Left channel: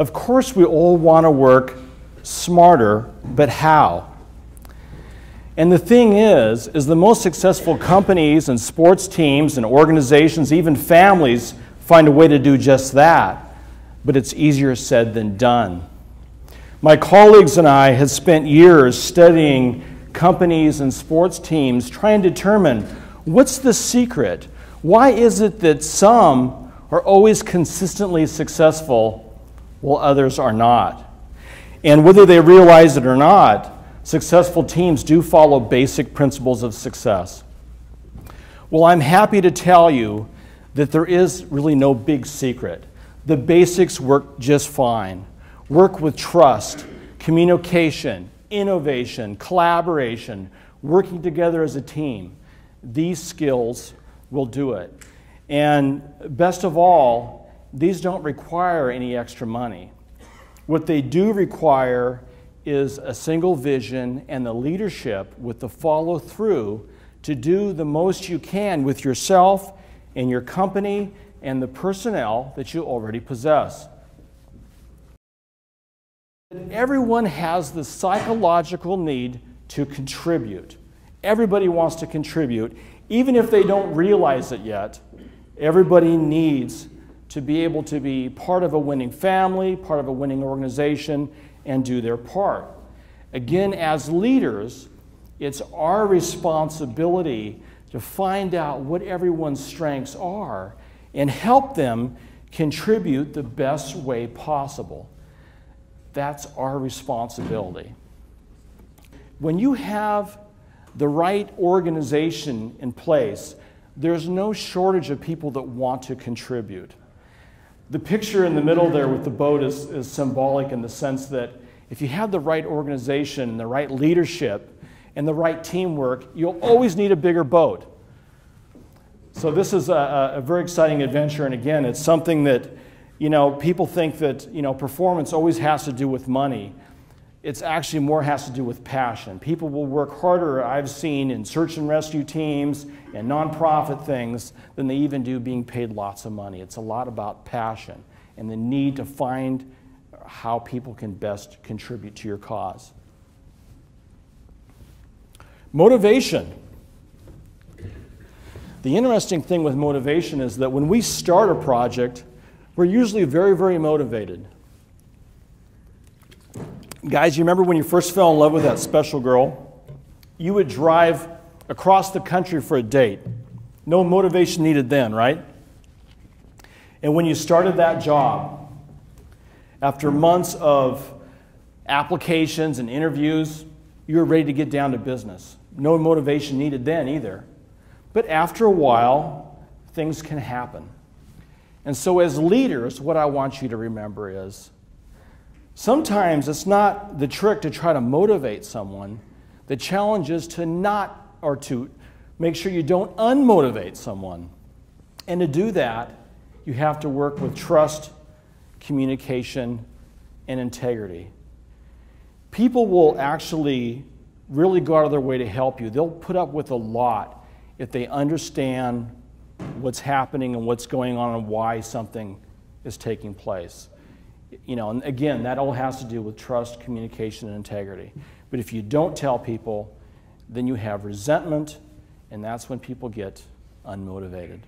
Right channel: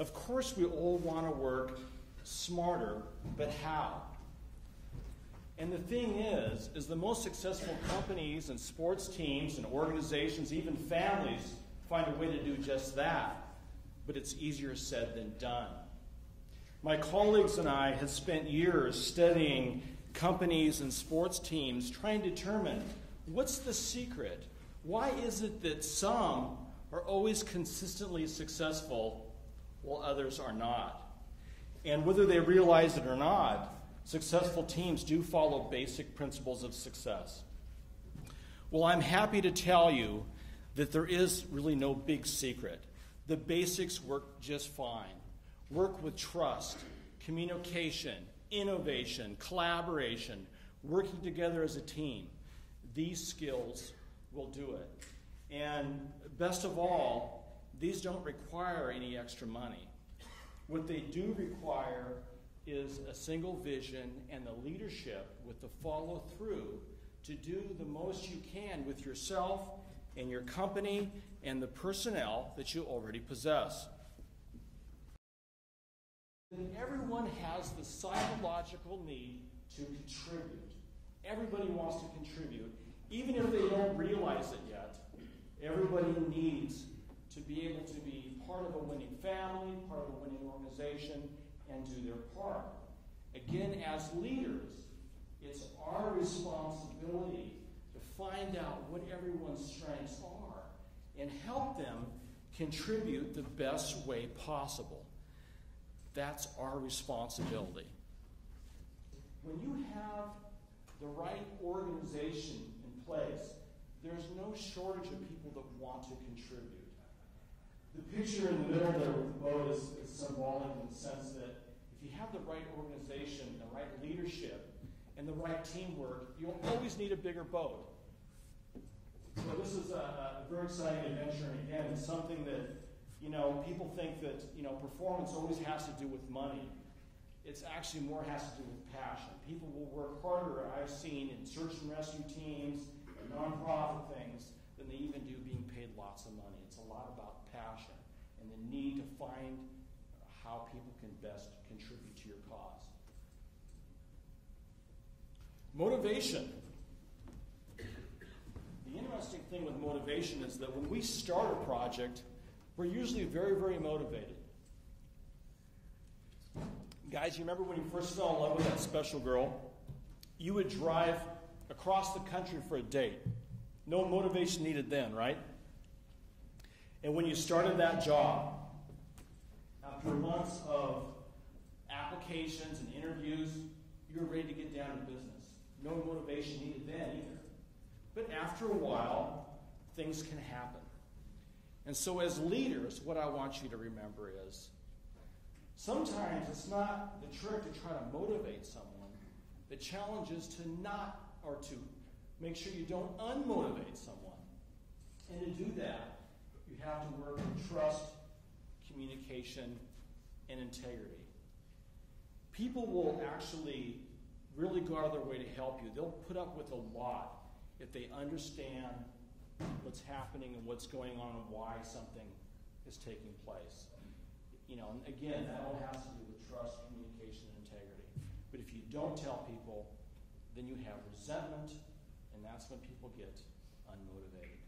Of course, we all want to work smarter, but how? And the thing is the most successful companies and sports teams and organizations, even families, find a way to do just that, but it's easier said than done. My colleagues and I have spent years studying companies and sports teams trying to determine what's the secret. Why is it that some are always consistently successful while others are not? And whether they realize it or not, successful teams do follow basic principles of success. Well, I'm happy to tell you that there is really no big secret. The basics work just fine. Work with trust, communication, innovation, collaboration, working together as a team. These skills will do it. And best of all, these don't require any extra money. What they do require is a single vision and the leadership with the follow-through to do the most you can with yourself and your company and the personnel that you already possess. Everyone has the psychological need to contribute. Everybody wants to contribute, even if they don't realize it yet. Everybody needs to be able to be part of a winning family, part of a winning organization, and do their part. Again, as leaders, it's our responsibility to find out what everyone's strengths are and help them contribute the best way possible. That's our responsibility. When you have the right organization in place, there's no shortage of people that want to contribute. The picture in the middle there with the boat is symbolic in the sense that if you have the right organization, the right leadership, and the right teamwork, you'll always need a bigger boat. So this is a very exciting adventure, and again, it's something that, people think that, performance always has to do with money. It's actually more has to do with passion. People will work harder, I've seen, in search and rescue teams and nonprofit things than they even do being paid lots of money. It's a lot about passion and the need to find how people can best contribute to your cause. Motivation. The interesting thing with motivation is that when we start a project, we're usually very, very motivated. Guys, you remember when you first fell in love with that special girl? You would drive across the country for a date. No motivation needed then, right? And when you started that job, after months of applications and interviews, you were ready to get down to business. No motivation needed then either. But after a while, things can happen. And so as leaders, what I want you to remember is, sometimes it's not the trick to try to motivate someone. The challenge is to make sure you don't unmotivate someone. And to do that, you have to work with trust, communication, and integrity. People will actually really go out of their way to help you. They'll put up with a lot if they understand what's happening and what's going on and why something is taking place. And again, that all has to do with trust, communication, and integrity. But if you don't tell people, then you have resentment, and that's when people get unmotivated.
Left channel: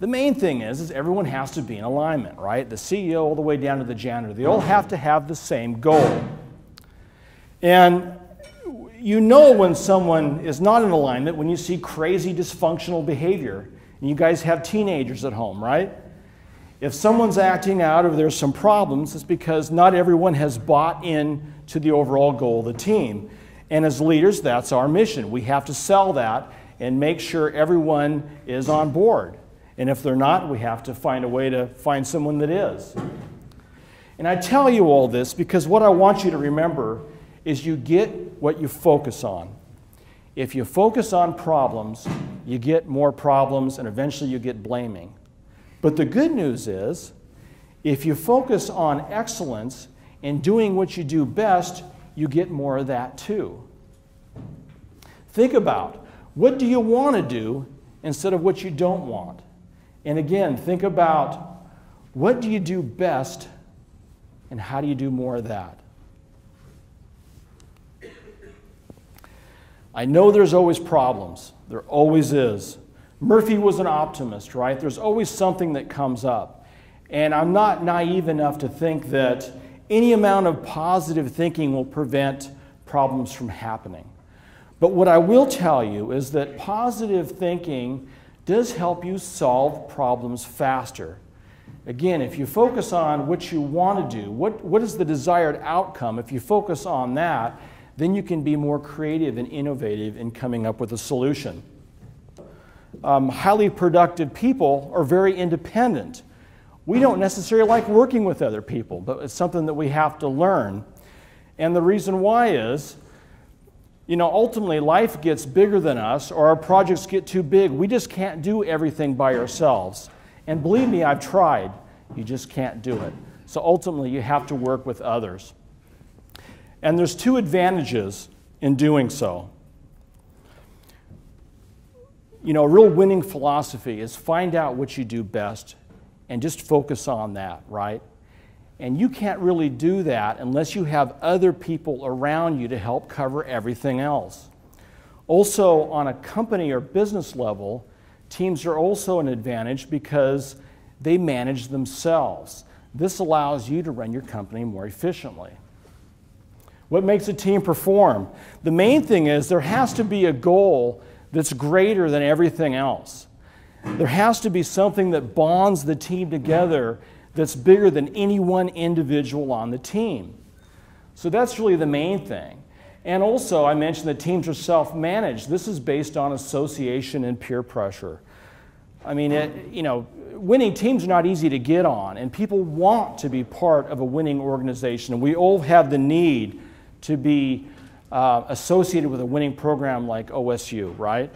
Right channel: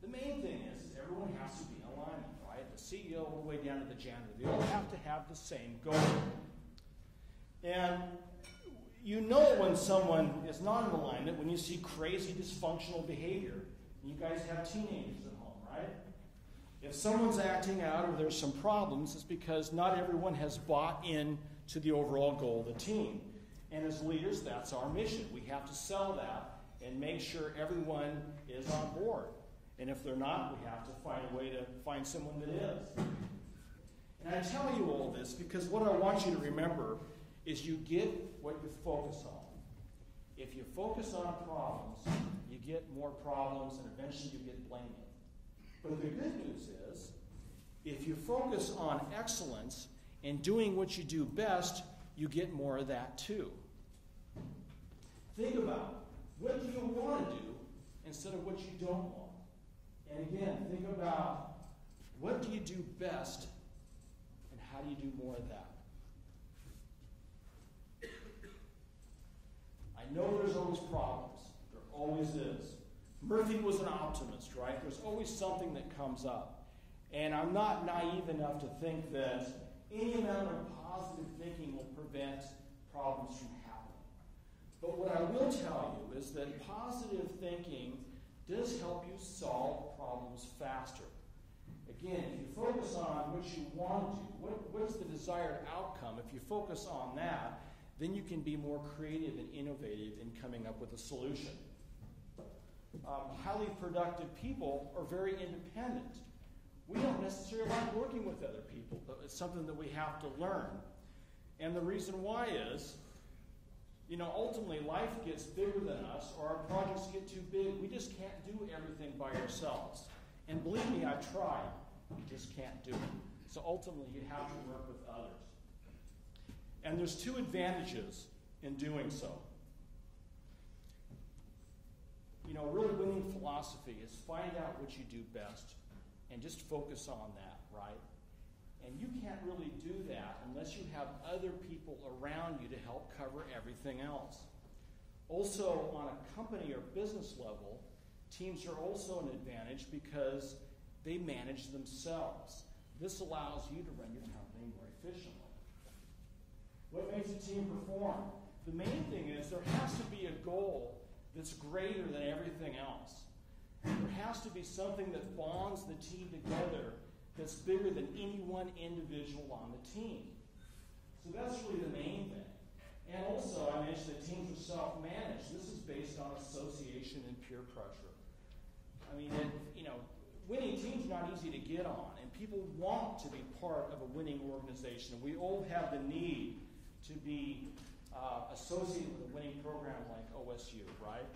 The main thing is everyone has to be in alignment, right? The CEO all the way down to the janitor. They all have to have the same goal. And you know when someone is not in alignment when you see crazy dysfunctional behavior. And you guys have teenagers at home, right? If someone's acting out or there's some problems, it's because not everyone has bought in to the overall goal of the team. And as leaders, that's our mission. We have to sell that and make sure everyone is on board. And if they're not, we have to find a way to find someone that is. And I tell you all this because what I want you to remember is you get what you focus on. If you focus on problems, you get more problems, and eventually you get blaming. But the good news is, if you focus on excellence and doing what you do best, you get more of that too. Think about, what do you want to do instead of what you don't want? And again, think about What do you do best, and how do you do more of that? I know there's always problems. There always is. Murphy was an optimist, right? There's always something that comes up. And I'm not naive enough to think that any amount of positive thinking will prevent problems from happening. But what I will tell you is that positive thinking does help you solve problems faster. Again, if you focus on what you want to do, what is the desired outcome, if you focus on that, then you can be more creative and innovative in coming up with a solution. Highly productive people are very independent. We don't necessarily like working with other people, but it's something that we have to learn. And the reason why is, ultimately life gets bigger than us, or our projects get too big. We just can't do everything by ourselves. And believe me, I've tried. You just can't do it. So ultimately, you have to work with others. And there's two advantages in doing so. A real winning philosophy is find out what you do best and just focus on that, right? And you can't really do that unless you have other people around you to help cover everything else. Also, on a company or business level, teams are also an advantage because they manage themselves. This allows you to run your company more efficiently. What makes a team perform? The main thing is there has to be a goal that's greater than everything else. There has to be something that bonds the team together that's bigger than any one individual on the team. So that's really the main thing. And also, I mentioned that teams are self-managed. This is based on association and peer pressure. I mean, winning teams are not easy to get on, and people want to be part of a winning organization. And we all have the need to be associated with a winning program like OSU, right?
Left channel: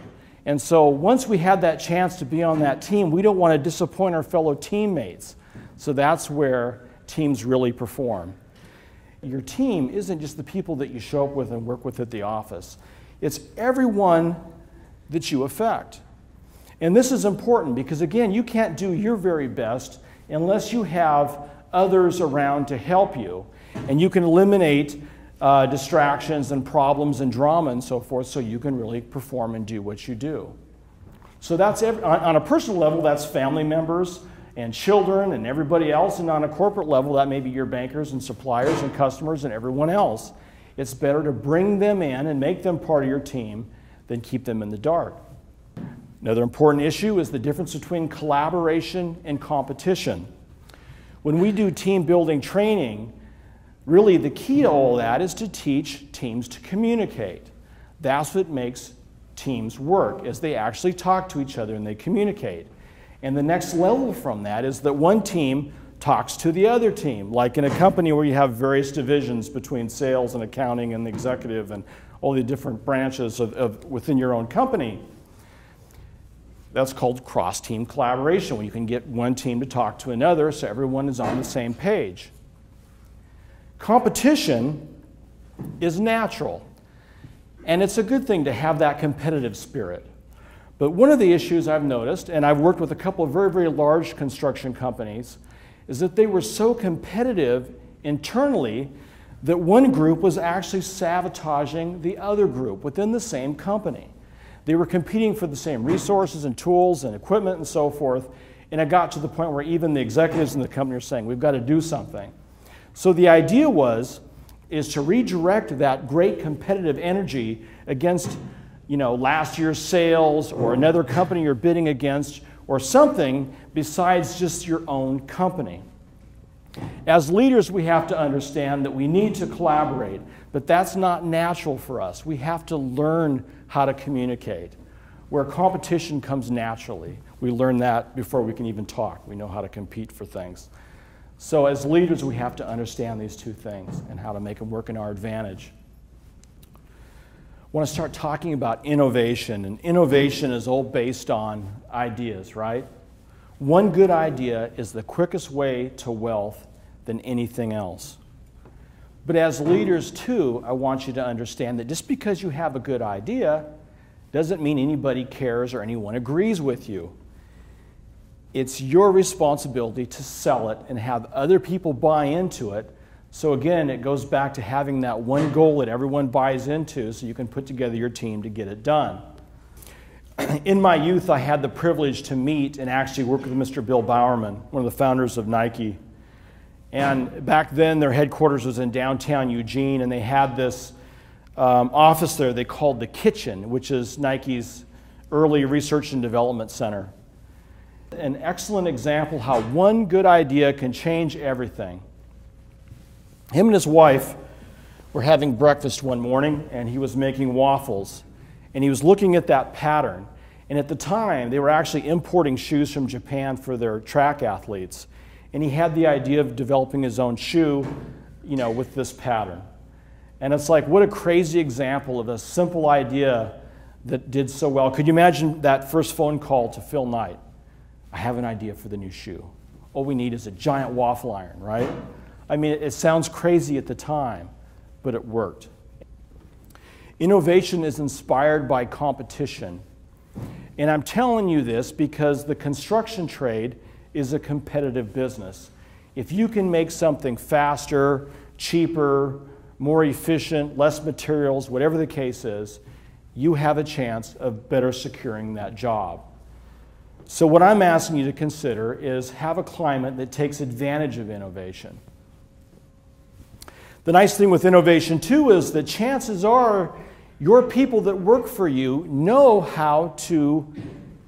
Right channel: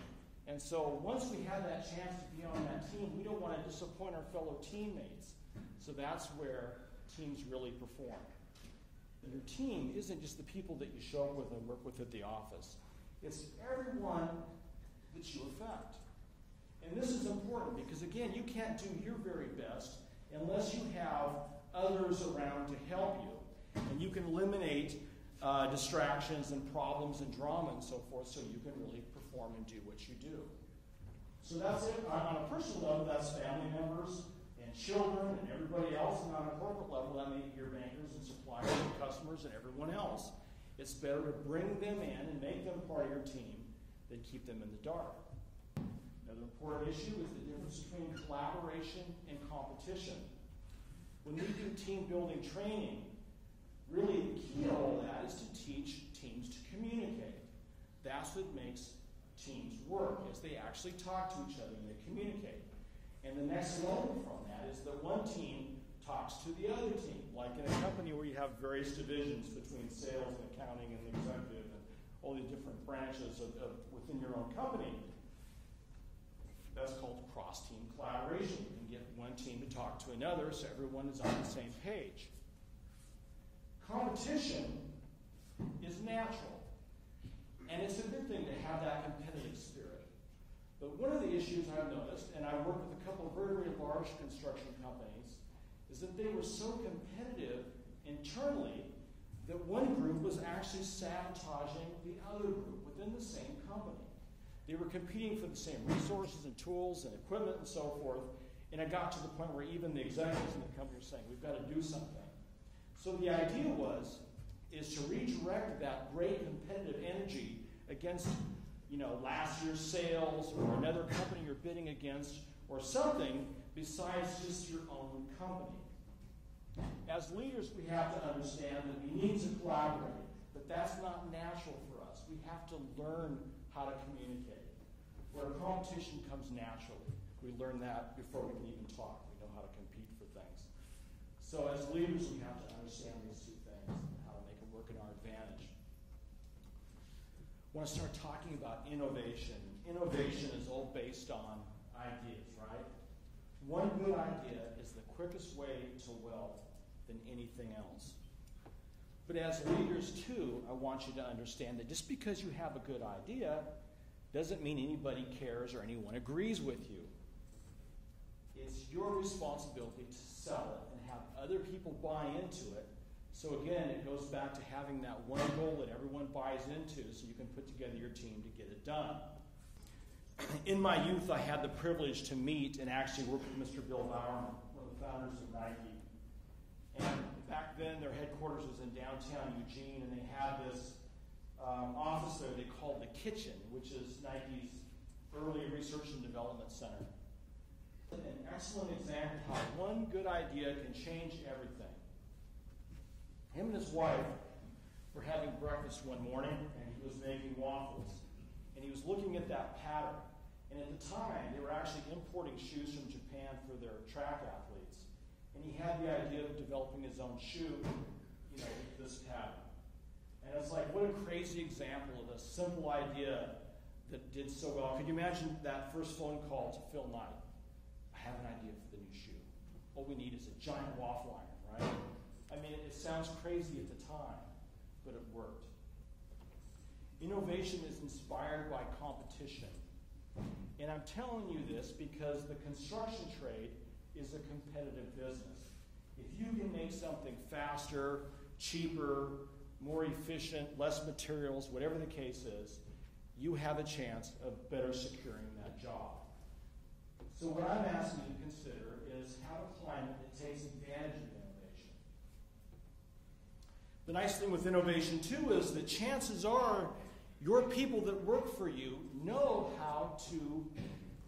And so once we have that chance to be on that team, we don't want to disappoint our fellow teammates. So that's where teams really perform. Your team isn't just the people that you show up with and work with at the office. It's everyone that you affect. And this is important because, again, you can't do your very best unless you have others around to help you. And you can eliminate distractions and problems and drama and so forth so you can really perform and do what you do. So that's on a personal level, that's family members and children and everybody else. And on a corporate level, that may be your bankers and suppliers and customers and everyone else. It's better to bring them in and make them part of your team than keep them in the dark. Another important issue is the difference between collaboration and competition. When we do team building training, really the key to all that is to teach teams to communicate. That's what makes teams work, is they actually talk to each other and they communicate. And the next level from that is that one team talks to the other team, like in a company where you have various divisions between sales and accounting and the executive and all the different branches within your own company. That's called cross-team collaboration, where you can get one team to talk to another so everyone is on the same page. Competition is natural, and it's a good thing to have that competitive spirit. But one of the issues I've noticed, and I've worked with a couple of very, very large construction companies, is that they were so competitive internally that one group was actually sabotaging the other group within the same company. They were competing for the same resources and tools and equipment and so forth, and it got to the point where even the executives in the company are saying, we've got to do something. So the idea is to redirect that great competitive energy against, last year's sales or another company you're bidding against or something besides just your own company. As leaders, we have to understand that we need to collaborate, but that's not natural for us. We have to learn how to communicate, where competition comes naturally. We learn that before we can even talk. We know how to compete for things. So as leaders, we have to understand these two things and how to make them work in our advantage. I want to start talking about innovation, and innovation is all based on ideas, right? One good idea is the quickest way to wealth than anything else. But as leaders, too, I want you to understand that just because you have a good idea doesn't mean anybody cares or anyone agrees with you. It's your responsibility to sell it and have other people buy into it. So again, it goes back to having that one goal that everyone buys into so you can put together your team to get it done. In my youth, I had the privilege to meet and actually work with Mr. Bill Bowerman, one of the founders of Nike. And back then, their headquarters was in downtown Eugene, and they had this office there they called the Kitchen, which is Nike's early research and development center. An excellent example how one good idea can change everything. Him and his wife were having breakfast one morning, and he was making waffles. And he was looking at that pattern. And at the time, they were actually importing shoes from Japan for their track athletes. And he had the idea of developing his own shoe, with this pattern. And it's like, what a crazy example of a simple idea that did so well. Could you imagine that first phone call to Phil Knight? I have an idea for the new shoe. All we need is a giant waffle iron, right? I mean, it sounds crazy at the time, but it worked. Innovation is inspired by competition. And I'm telling you this because the construction trade is a competitive business. If you can make something faster, cheaper, more efficient, less materials, whatever the case is, you have a chance of better securing that job. So what I'm asking you to consider is have a climate that takes advantage of innovation. The nice thing with innovation, too, is that chances are your people that work for you know how to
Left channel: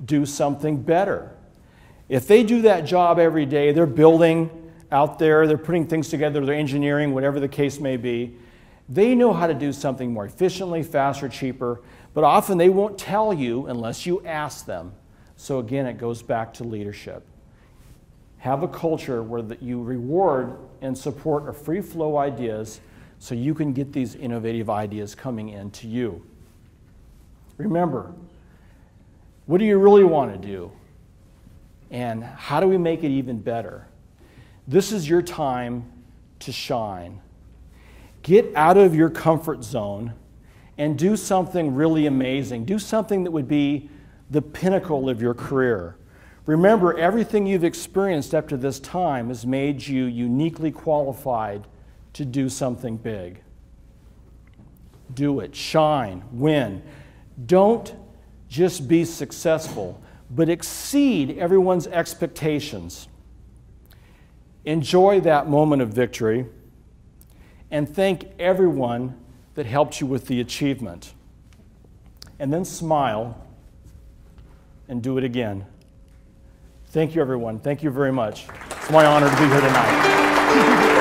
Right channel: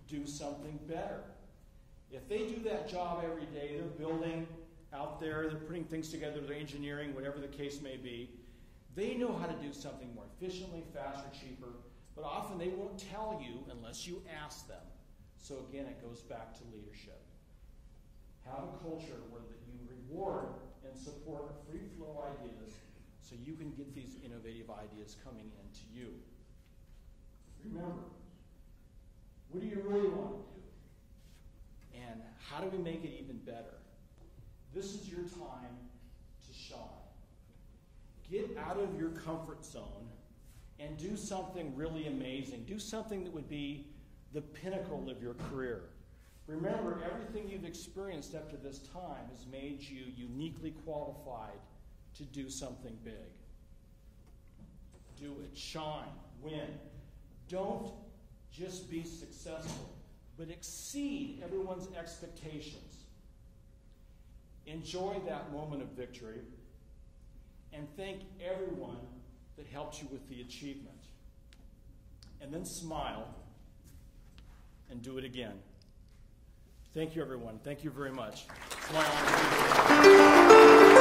do something better. If they do that job every day, they're building out there, they're putting things together, they're engineering, whatever the case may be, they know how to do something more efficiently, faster, cheaper, but often they won't tell you unless you ask them. So again, it goes back to leadership. Have a culture where you reward and support a free flow ideas so you can get these innovative ideas coming into you. Remember, what do you really want to do? And how do we make it even better? This is your time to shine. Get out of your comfort zone and do something really amazing. Do something that would be the pinnacle of your career. Remember, everything you've experienced up to this time has made you uniquely qualified to do something big. Do it. Shine. Win. Don't just be successful, but exceed everyone's expectations. Enjoy that moment of victory and thank everyone that helped you with the achievement. And then smile and do it again. Thank you, everyone. Thank you very much. It's my honor to be here tonight.